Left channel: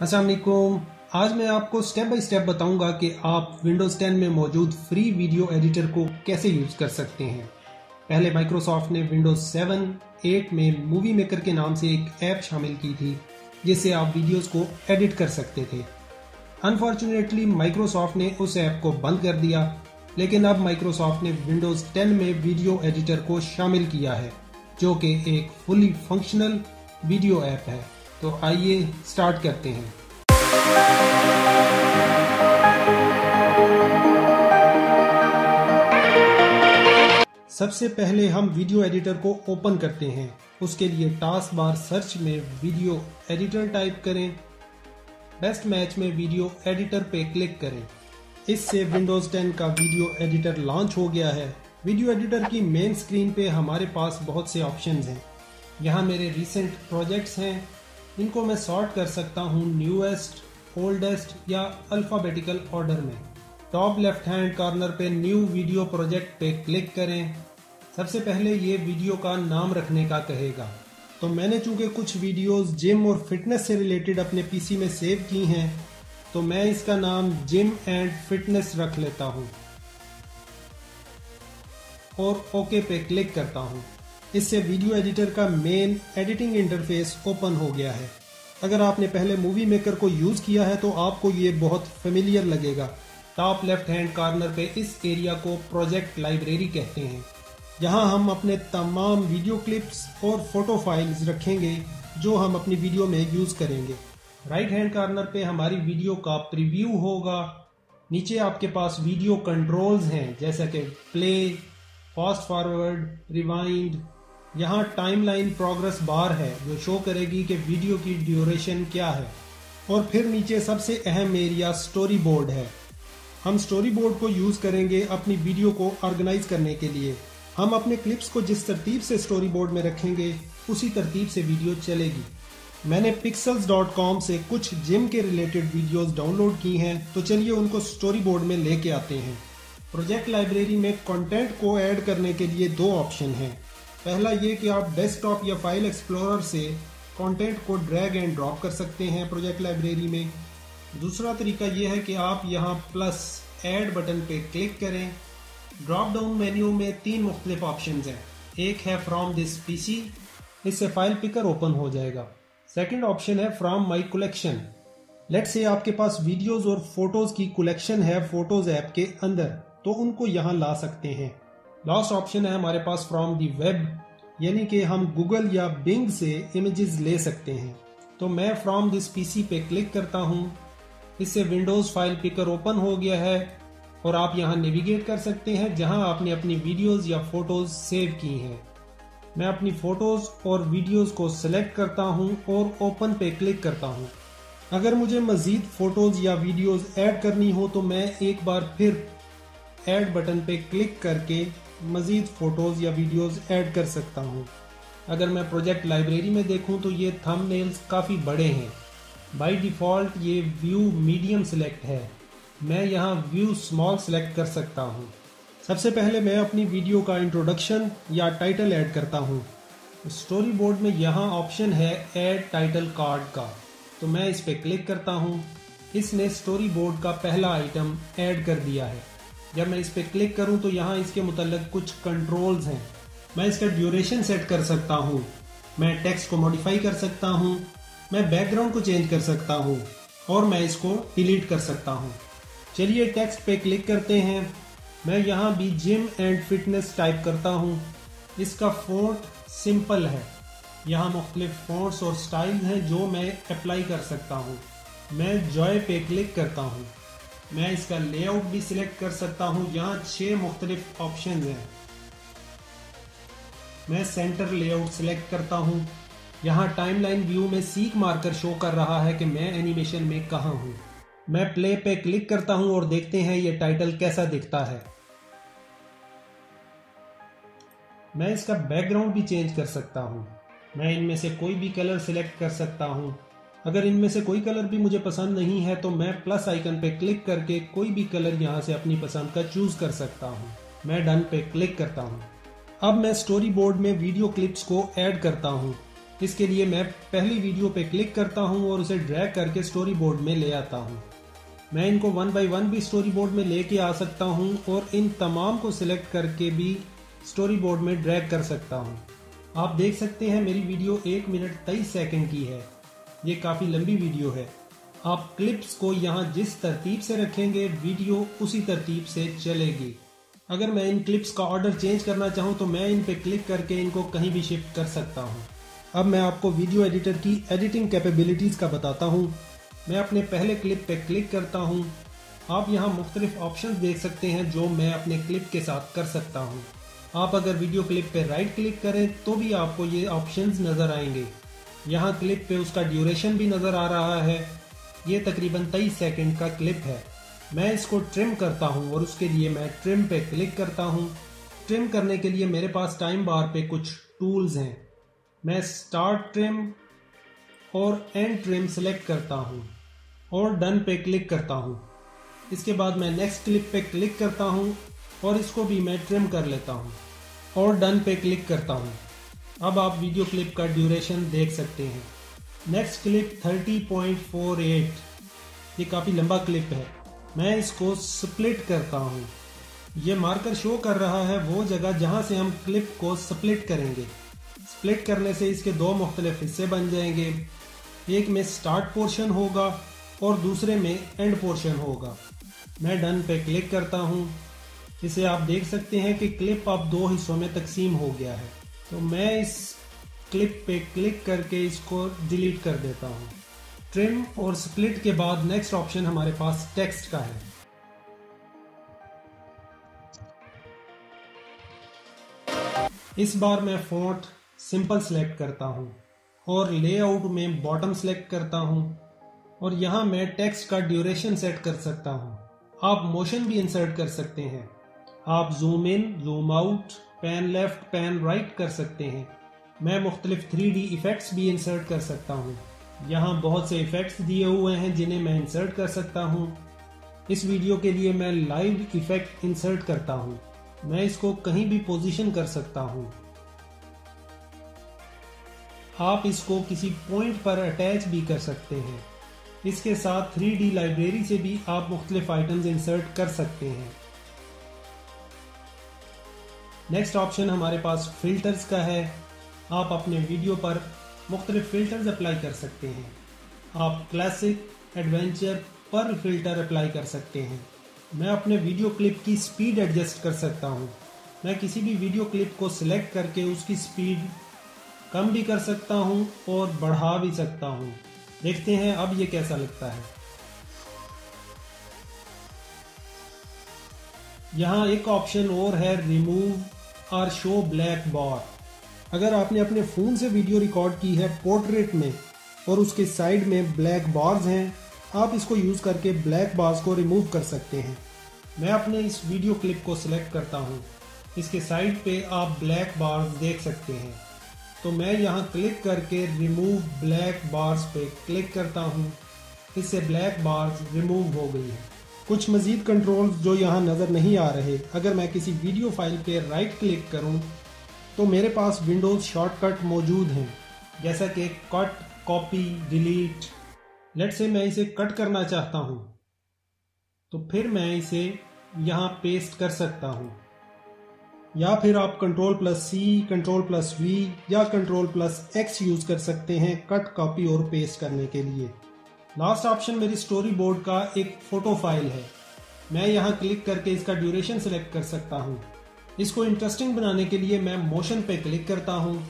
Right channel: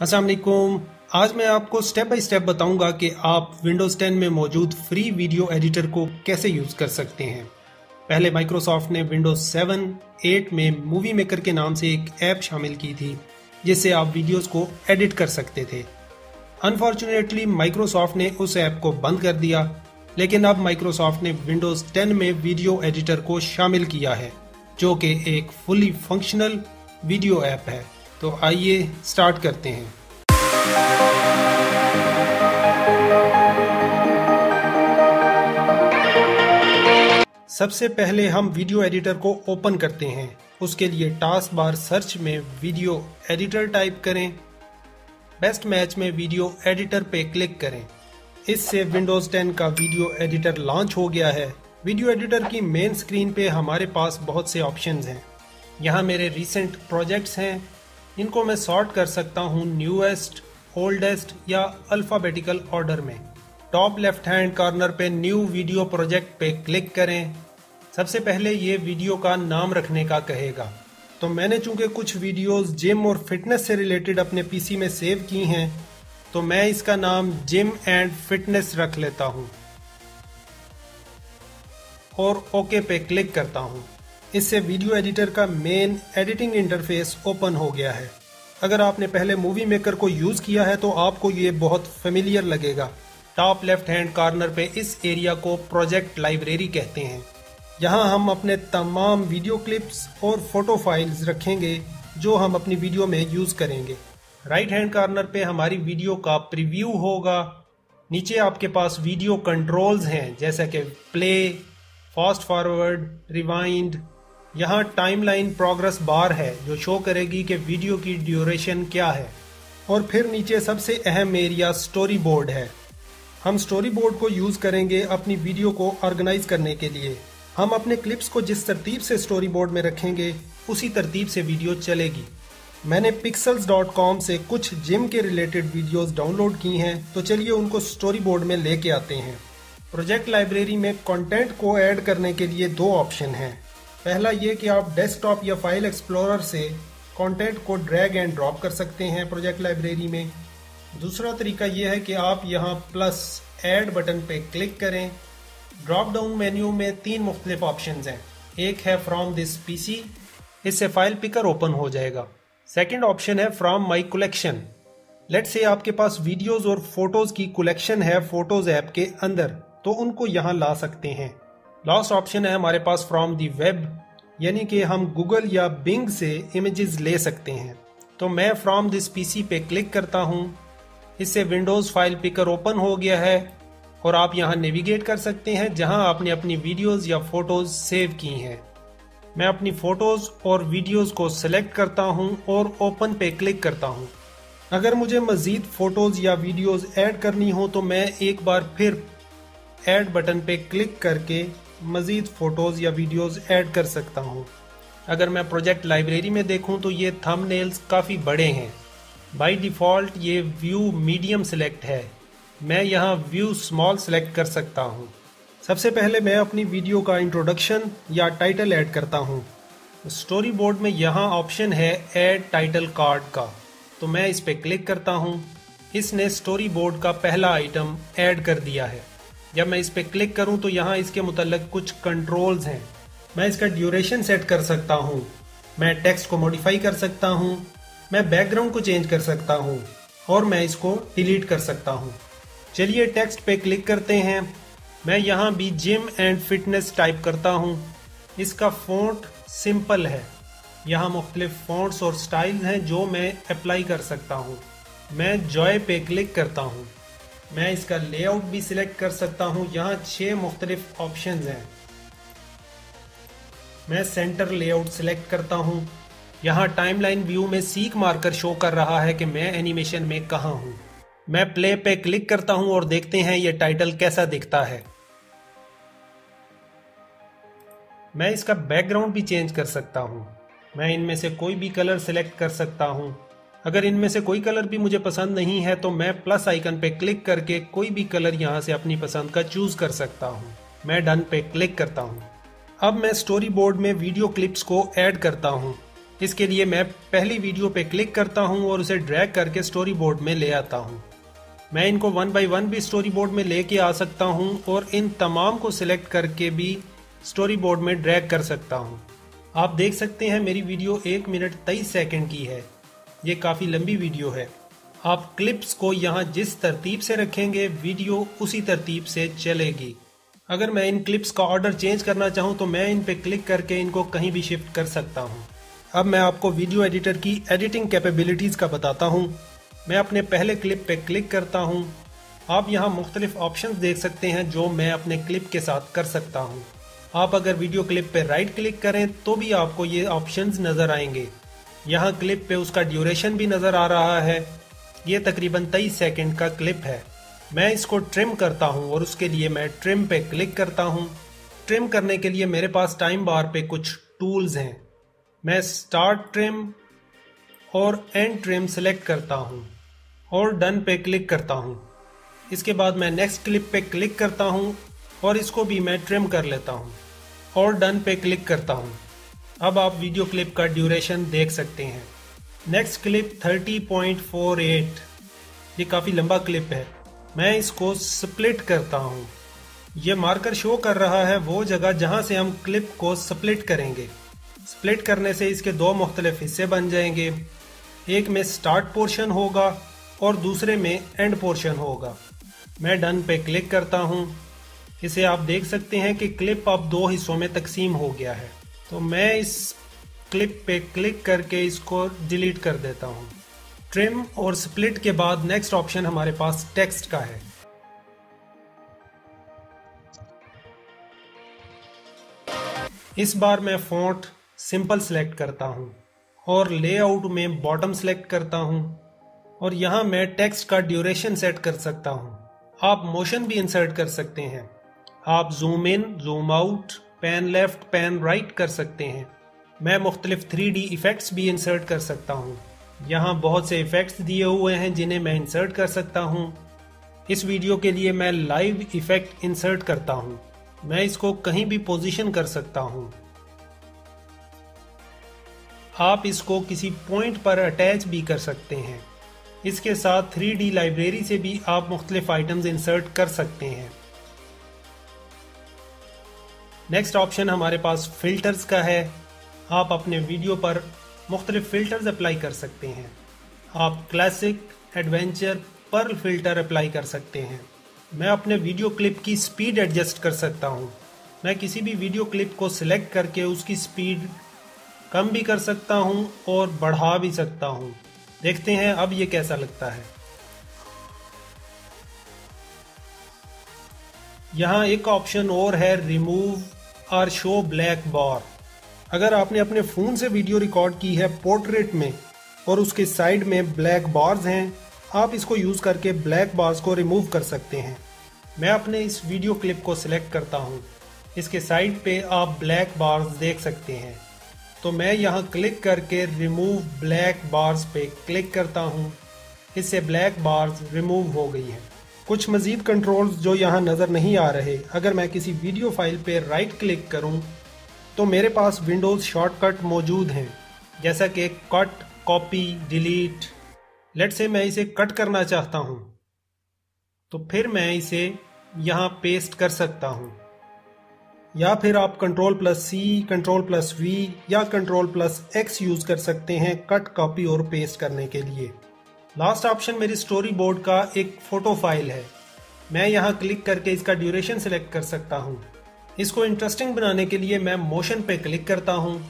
अस्सलाम वालेकुम। आज मैं आपको स्टेप बाय स्टेप बताऊंगा कि आप विंडोज़ 10 में मौजूद फ्री वीडियो एडिटर को कैसे यूज़ कर सकते हैं। पहले माइक्रोसॉफ्ट ने विंडोज़ 7, 8 में मूवी मेकर के नाम से एक ऐप शामिल की थी जिससे आप वीडियोस को एडिट कर सकते थे। अनफॉर्चुनेटली माइक्रोसॉफ्ट ने उस ऐप को बंद कर दिया, लेकिन अब माइक्रोसॉफ्ट ने विंडोज़ 10 में वीडियो एडिटर को शामिल किया है जो कि एक फुली फंक्शनल वीडियो ऐप है। तो आइए स्टार्ट करते हैं। सबसे पहले हम वीडियो एडिटर को ओपन करते हैं। उसके लिए टास्क बार सर्च में वीडियो एडिटर टाइप करें। बेस्ट मैच में वीडियो एडिटर पे क्लिक करें। इससे विंडोज़ 10 का वीडियो एडिटर लॉन्च हो गया है। वीडियो एडिटर की मेन स्क्रीन पे हमारे पास बहुत से ऑप्शंस हैं। यहाँ मेरे रिसेंट प्रोजेक्ट्स हैं। इनको मैं सॉर्ट कर सकता हूँ न्यूएस्ट, ओल्डेस्ट या अल्फ़ाबेटिकल ऑर्डर में। टॉप लेफ्ट हैंड कॉर्नर पे न्यू वीडियो प्रोजेक्ट पे क्लिक करें। सबसे पहले ये वीडियो का नाम रखने का कहेगा, तो मैंने चूंकि कुछ वीडियोस जिम और फिटनेस से रिलेटेड अपने पीसी में सेव की हैं, तो मैं इसका नाम जिम एंड फिटनेस रख लेता हूँ और ओके पे क्लिक करता हूँ। इससे वीडियो एडिटर का मेन एडिटिंग इंटरफेस ओपन हो गया है। अगर आपने पहले मूवी मेकर को यूज़ किया है तो आपको ये बहुत फेमिलियर लगेगा। टॉप लेफ्ट हैंड कॉर्नर पे इस एरिया को प्रोजेक्ट लाइब्रेरी कहते हैं, जहां हम अपने तमाम वीडियो क्लिप्स और फोटो फाइल्स रखेंगे जो हम अपनी वीडियो में यूज़ करेंगे। राइट हैंड कॉर्नर पे हमारी वीडियो का प्रीव्यू होगा। नीचे आपके पास वीडियो कंट्रोल्स हैं जैसे कि प्ले, फास्ट फॉरवर्ड, रिवाइंड। यहाँ टाइमलाइन प्रोग्रेस बार है जो शो करेगी कि वीडियो की ड्यूरेशन क्या है। और फिर नीचे सबसे अहम एरिया स्टोरी बोर्ड है। हम स्टोरी बोर्ड को यूज़ करेंगे अपनी वीडियो को ऑर्गेनाइज करने के लिए। हम अपने क्लिप्स को जिस तरतीब से स्टोरी बोर्ड में रखेंगे उसी तरतीब से वीडियो चलेगी। मैंने pixels.com से कुछ जिम के रिलेटेड वीडियोस डाउनलोड की हैं, तो चलिए उनको स्टोरी बोर्ड में लेके आते हैं। प्रोजेक्ट लाइब्रेरी में कंटेंट को ऐड करने के लिए दो ऑप्शन हैं। पहला ये कि आप डेस्कटॉप या फाइल एक्सप्लोरर से कंटेंट को ड्रैग एंड ड्रॉप कर सकते हैं प्रोजेक्ट लाइब्रेरी में। दूसरा तरीका यह है कि आप यहाँ प्लस ऐड बटन पे क्लिक करें। ड्रॉप डाउन मेन्यू में तीन मुख्तलिफ ऑप्शंस हैं। एक है फ्रॉम दिस पीसी, इससे फाइल पिकर ओपन हो जाएगा। सेकंड ऑप्शन है from my collection. Let's say आपके पास वीडियोस और फोटोज की कलेक्शन है फोटोज ऐप के अंदर, तो उनको यहाँ ला सकते हैं। लास्ट ऑप्शन है हमारे पास फ्रॉम दी वेब, यानी कि हम गूगल या बिंग से इमेजेस ले सकते हैं। तो मैं फ्रॉम दिस पीसी पे क्लिक करता हूँ। इससे विंडोज़ फाइल पिकर ओपन हो गया है और आप यहाँ नेविगेट कर सकते हैं जहाँ आपने अपनी वीडियोस या फोटोज सेव की हैं। मैं अपनी फोटोज और वीडियोस को सिलेक्ट करता हूँ और ओपन पे क्लिक करता हूँ। अगर मुझे मज़ीद फोटोज या वीडियोस ऐड करनी हो तो मैं एक बार फिर ऐड बटन पे क्लिक करके मज़ीद फोटोज या वीडियोस ऐड कर सकता हूँ। अगर मैं प्रोजेक्ट लाइब्रेरी में देखूँ तो ये थंबनेल्स काफ़ी बड़े हैं। बाय डिफ़ॉल्ट ये व्यू मीडियम सेलेक्ट है। मैं यहाँ व्यू स्मॉल सेलेक्ट कर सकता हूँ। सबसे पहले मैं अपनी वीडियो का इंट्रोडक्शन या टाइटल ऐड करता हूँ। स्टोरी बोर्ड में यहाँ ऑप्शन है ऐड टाइटल कार्ड का, तो मैं इस पर क्लिक करता हूँ। इसने स्टोरी बोर्ड का पहला आइटम ऐड कर दिया है। जब मैं इस पर क्लिक करूँ तो यहाँ इसके मुतल्लिक कुछ कंट्रोल्स हैं। मैं इसका ड्यूरेशन सेट कर सकता हूँ, मैं टेक्स्ट को मॉडिफाई कर सकता हूँ, मैं बैकग्राउंड को चेंज कर सकता हूँ और मैं इसको डिलीट कर सकता हूँ। चलिए टेक्स्ट पे क्लिक करते हैं। मैं यहाँ भी जिम एंड फिटनेस टाइप करता हूँ। इसका फ़ॉन्ट सिंपल है। यहाँ मुख्तलिफ फ़ॉन्ट्स और स्टाइल हैं जो मैं अप्लाई कर सकता हूँ। मैं जॉय पे क्लिक करता हूँ। मैं इसका लेआउट भी सिलेक्ट कर सकता हूँ। यहाँ 6 मुख्तलिफ ऑप्शन हैं। मैं सेंटर लेआउट सिलेक्ट करता हूँ। यहाँ टाइमलाइन व्यू में सीक मार्कर शो कर रहा है कि मैं एनिमेशन में कहाँ हूँ। मैं प्ले पे क्लिक करता हूँ और देखते हैं ये टाइटल कैसा दिखता है। मैं इसका बैकग्राउंड भी चेंज कर सकता हूँ। मैं इनमें से कोई भी कलर सिलेक्ट कर सकता हूँ। अगर इनमें से कोई कलर भी मुझे पसंद नहीं है तो मैं प्लस आइकन पे क्लिक करके कोई भी कलर यहाँ से अपनी पसंद का चूज कर सकता हूँ। मैं डन पे क्लिक करता हूँ। अब मैं स्टोरी बोर्ड में वीडियो क्लिप्स को ऐड करता हूँ। इसके लिए मैं पहली वीडियो पे क्लिक करता हूँ और उसे ड्रैग करके स्टोरी बोर्ड में ले आता हूँ। मैं इनको 1 बाय 1 भी स्टोरी बोर्ड में लेके आ सकता हूँ और इन तमाम को सिलेक्ट करके भी स्टोरी बोर्ड में ड्रैग कर सकता हूँ। आप देख सकते हैं मेरी वीडियो 1 मिनट 23 सेकंड की है। ये काफ़ी लंबी वीडियो है। आप क्लिप्स को यहाँ जिस तरतीब से रखेंगे वीडियो उसी तरतीब से चलेगी। अगर मैं इन क्लिप्स का ऑर्डर चेंज करना चाहूँ तो मैं इन पे क्लिक करके इनको कहीं भी शिफ्ट कर सकता हूँ। अब मैं आपको वीडियो एडिटर की एडिटिंग कैपेबिलिटीज़ का बताता हूँ। मैं अपने पहले क्लिप पे क्लिक करता हूँ। आप यहाँ मुख्तलिफ ऑप्शंस देख सकते हैं जो मैं अपने क्लिप के साथ कर सकता हूँ। आप अगर वीडियो क्लिप पे राइट क्लिक करें तो भी आपको ये ऑप्शंस नज़र आएंगे। यहाँ क्लिप पे उसका ड्यूरेशन भी नज़र आ रहा है। ये तकरीबन 23 सेकंड का क्लिप है। मैं इसको ट्रिम करता हूँ और उसके लिए मैं ट्रिम पे क्लिक करता हूँ। ट्रिम करने के लिए मेरे पास टाइम बार पे कुछ टूल्स हैं। मैं स्टार्ट ट्रिम और एंड ट्रिम सेलेक्ट करता हूँ और डन पे क्लिक करता हूँ। इसके बाद मैं नेक्स्ट क्लिप पे क्लिक करता हूँ और इसको भी मैं ट्रिम कर लेता हूँ और डन पे क्लिक करता हूँ। अब आप वीडियो क्लिप का ड्यूरेशन देख सकते हैं। Next clip 30.48। ये काफ़ी लंबा क्लिप है। मैं इसको स्प्लिट करता हूँ। ये मार्कर शो कर रहा है वो जगह जहाँ से हम क्लिप को स्प्लिट करेंगे। स्प्लिट करने से इसके दो मुख्तलिफ हिस्से बन जाएंगे। एक में स्टार्ट पोर्शन होगा और दूसरे में एंड पोर्शन होगा। मैं डन पे क्लिक करता हूँ। इसे आप देख सकते हैं कि क्लिप अब दो हिस्सों में तकसीम हो गया है। तो मैं इस क्लिप पे क्लिक करके इसको डिलीट कर देता हूँ। ट्रिम और स्प्लिट के बाद नेक्स्ट ऑप्शन हमारे पास टेक्स्ट का है। इस बार मैं फॉन्ट सिंपल सेलेक्ट करता हूँ और लेआउट में बॉटम सेलेक्ट करता हूँ और यहाँ मैं टेक्स्ट का ड्यूरेशन सेट कर सकता हूँ। आप मोशन भी इंसर्ट कर सकते हैं। आप zoom in, zoom out, pan left, pan right कर सकते हैं। मैं मुख्तलिफ 3D इफेक्ट्स भी इंसर्ट कर सकता हूँ। यहाँ बहुत से इफेक्ट्स दिए हुए हैं जिन्हें मैं इंसर्ट कर सकता हूँ। इस वीडियो के लिए मैं लाइव इफेक्ट इंसर्ट करता हूँ। मैं इसको कहीं भी पोजीशन कर सकता हूँ। आप इसको किसी पॉइंट पर अटैच भी कर सकते हैं। इसके साथ 3D लाइब्रेरी से भी आप मुख्तलिफ आइटम्स इंसर्ट कर सकते हैं। नेक्स्ट ऑप्शन हमारे पास फिल्टर्स का है। आप अपने वीडियो पर मुख्तलिफ फिल्टर्स अप्लाई कर सकते हैं। आप classic, adventure, pearl filter apply कर सकते हैं। मैं अपने वीडियो क्लिप की स्पीड एडजस्ट कर सकता हूँ। मैं किसी भी वीडियो क्लिप को सिलेक्ट करके उसकी स्पीड कम भी कर सकता हूँ और बढ़ा भी सकता हूँ। देखते हैं अब ये कैसा लगता है। यहाँ एक ऑप्शन और है, रिमूव और शो ब्लैक बार। अगर आपने अपने फ़ोन से वीडियो रिकॉर्ड की है पोर्ट्रेट में और उसके साइड में ब्लैक बार्स हैं, आप इसको यूज़ करके ब्लैक बार्स को रिमूव कर सकते हैं। मैं अपने इस वीडियो क्लिप को सिलेक्ट करता हूँ। इसके साइड पे आप ब्लैक बार्स देख सकते हैं। तो मैं यहाँ क्लिक करके रिमूव ब्लैक बार्स पे क्लिक करता हूँ। इससे ब्लैक बार्स रिमूव हो गई है। कुछ मज़ीद कंट्रोल्स जो यहाँ नज़र नहीं आ रहे, अगर मैं किसी वीडियो फाइल पे राइट क्लिक करूँ तो मेरे पास विंडोज़ शॉर्टकट मौजूद हैं, जैसा कि cut, copy, delete. Let's say मैं इसे कट करना चाहता हूँ तो फिर मैं इसे यहाँ पेस्ट कर सकता हूँ, या फिर आप Ctrl+C, Ctrl+V या Ctrl+X यूज़ कर सकते हैं कट, कॉपी और पेस्ट करने के लिए। लास्ट ऑप्शन मेरी स्टोरी बोर्ड का एक फ़ोटो फाइल है। मैं यहाँ क्लिक करके इसका ड्यूरेशन सेलेक्ट कर सकता हूँ। इसको इंटरेस्टिंग बनाने के लिए मैं मोशन पे क्लिक करता हूँ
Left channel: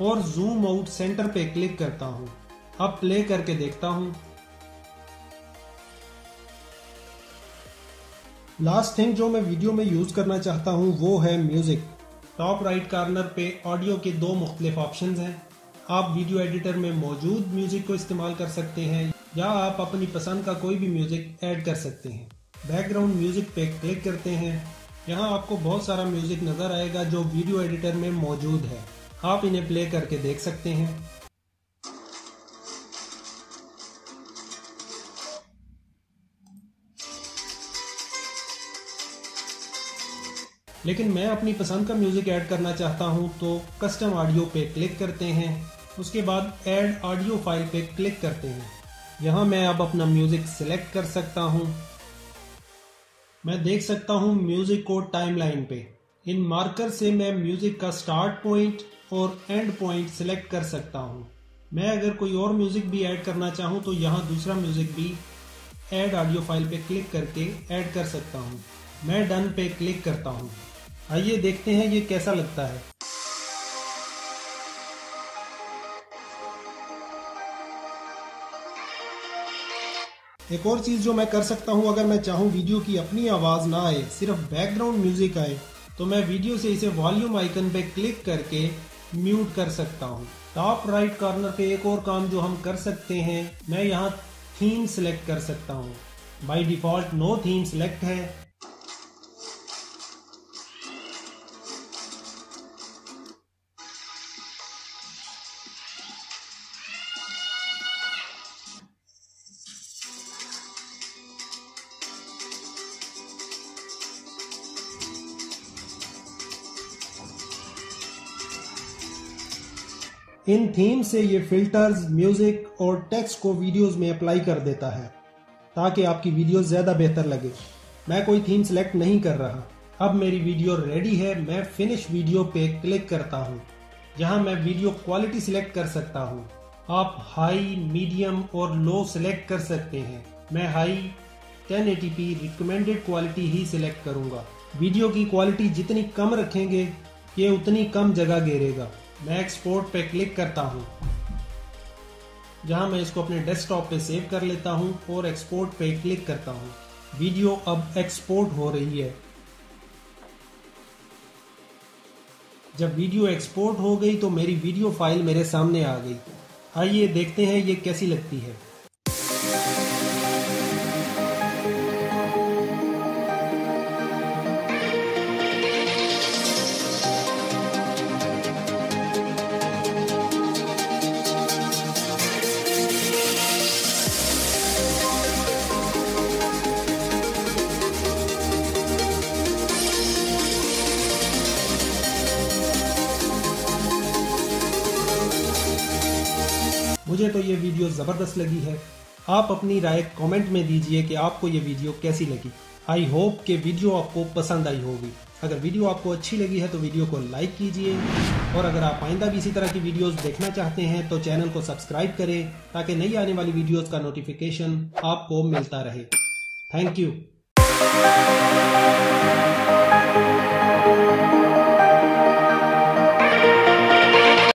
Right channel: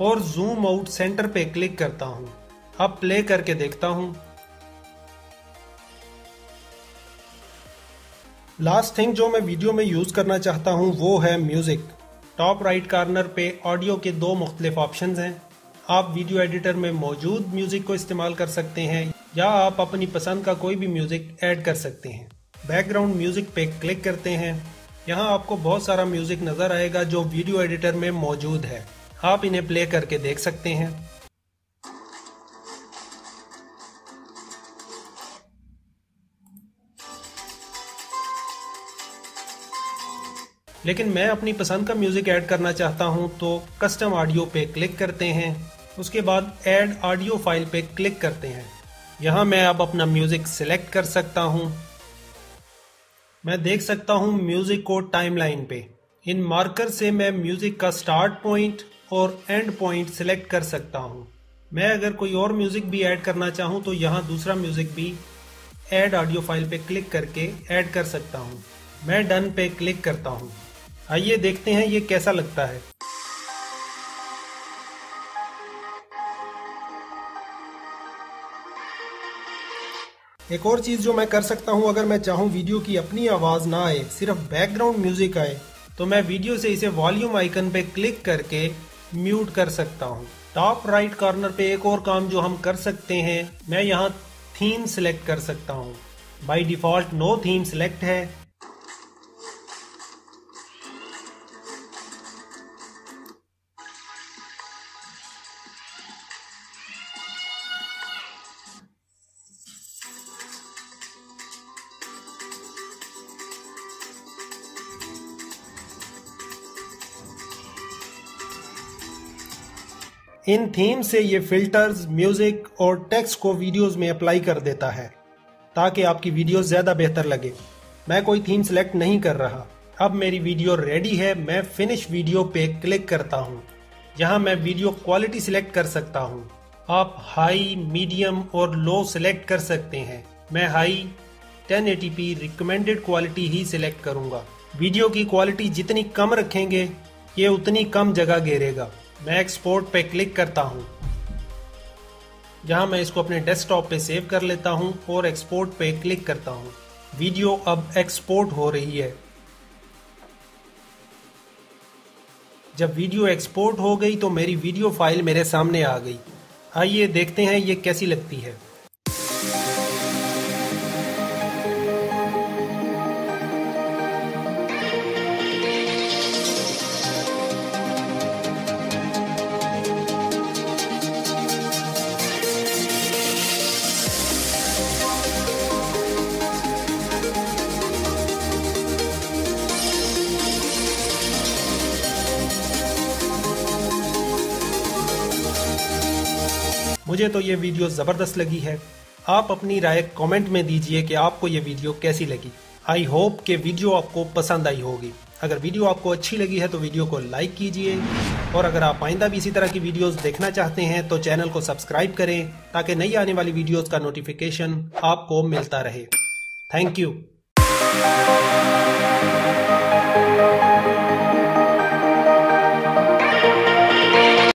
और जूम आउट सेंटर पे क्लिक करता हूँ। अब प्ले करके देखता हूँ। लास्ट थिंग जो मैं वीडियो में यूज़ करना चाहता हूँ वो है म्यूज़िक। टॉप राइट कॉर्नर पे ऑडियो के दो मुख्तलिफ ऑप्शंस हैं। आप वीडियो एडिटर में मौजूद म्यूज़िक को इस्तेमाल कर सकते हैं या आप अपनी पसंद का कोई भी म्यूज़िक ऐड कर सकते हैं। बैकग्राउंड म्यूज़िक पे क्लिक करते हैं। यहाँ आपको बहुत सारा म्यूज़िक नज़र आएगा जो वीडियो एडिटर में मौजूद है। आप इन्हें प्ले करके देख सकते हैं। लेकिन मैं अपनी पसंद का म्यूज़िक ऐड करना चाहता हूँ तो कस्टम ऑडियो पे क्लिक करते हैं उसके बाद ऐड ऑडियो फाइल पे क्लिक करते हैं। यहाँ मैं अब अपना म्यूजिक सिलेक्ट कर सकता हूँ। मैं देख सकता हूँ म्यूजिक को टाइमलाइन पे। इन मार्कर से मैं म्यूजिक का स्टार्ट पॉइंट और एंड पॉइंट सिलेक्ट कर सकता हूँ। मैं अगर कोई और म्यूजिक भी ऐड करना चाहूँ तो यहाँ दूसरा म्यूजिक भी ऐड ऑडियो फाइल पे क्लिक करके ऐड कर सकता हूँ। मैं डन पे क्लिक करता हूँ। आइए देखते हैं ये कैसा लगता है। एक और चीज़ जो मैं कर सकता हूँ, अगर मैं चाहूँ वीडियो की अपनी आवाज़ ना आए, सिर्फ बैकग्राउंड म्यूजिक आए, तो मैं वीडियो से इसे वॉल्यूम आइकन पे क्लिक करके म्यूट कर सकता हूँ। टॉप राइट कॉर्नर पे एक और काम जो हम कर सकते हैं, मैं यहाँ थीम सिलेक्ट कर सकता हूँ। By default no theme select है। इन थीम से ये फिल्टर्स, म्यूजिक और टेक्स्ट को वीडियोस में अप्लाई कर देता है ताकि आपकी वीडियो ज़्यादा बेहतर लगे। मैं कोई थीम सेलेक्ट नहीं कर रहा। अब मेरी वीडियो रेडी है। मैं फिनिश वीडियो पे क्लिक करता हूँ। यहाँ मैं वीडियो क्वालिटी सिलेक्ट कर सकता हूँ। आप हाई, मीडियम और लो सिलेक्ट कर सकते हैं। मैं हाई 1080p रिकमेंडेड क्वालिटी ही सिलेक्ट करूँगा। वीडियो की क्वालिटी जितनी कम रखेंगे ये उतनी कम जगह घेरेगा। मैं एक्सपोर्ट पे क्लिक करता हूँ। जहाँ मैं इसको अपने डेस्कटॉप पे सेव कर लेता हूँ और एक्सपोर्ट पे क्लिक करता हूँ। वीडियो अब एक्सपोर्ट हो रही है। जब वीडियो एक्सपोर्ट हो गई तो मेरी वीडियो फाइल मेरे सामने आ गई। आइए देखते हैं ये कैसी लगती है। मुझे तो ये वीडियो ज़बरदस्त लगी है। आप अपनी राय कमेंट में दीजिए कि आपको ये वीडियो कैसी लगी। आई होप कि वीडियो आपको पसंद आई होगी। अगर वीडियो आपको अच्छी लगी है तो वीडियो को लाइक कीजिए, और अगर आप आइंदा भी इसी तरह की वीडियोस देखना चाहते हैं तो चैनल को सब्सक्राइब करें ताकि नई आने वाली वीडियोस का नोटिफिकेशन आपको मिलता रहे। Thank you.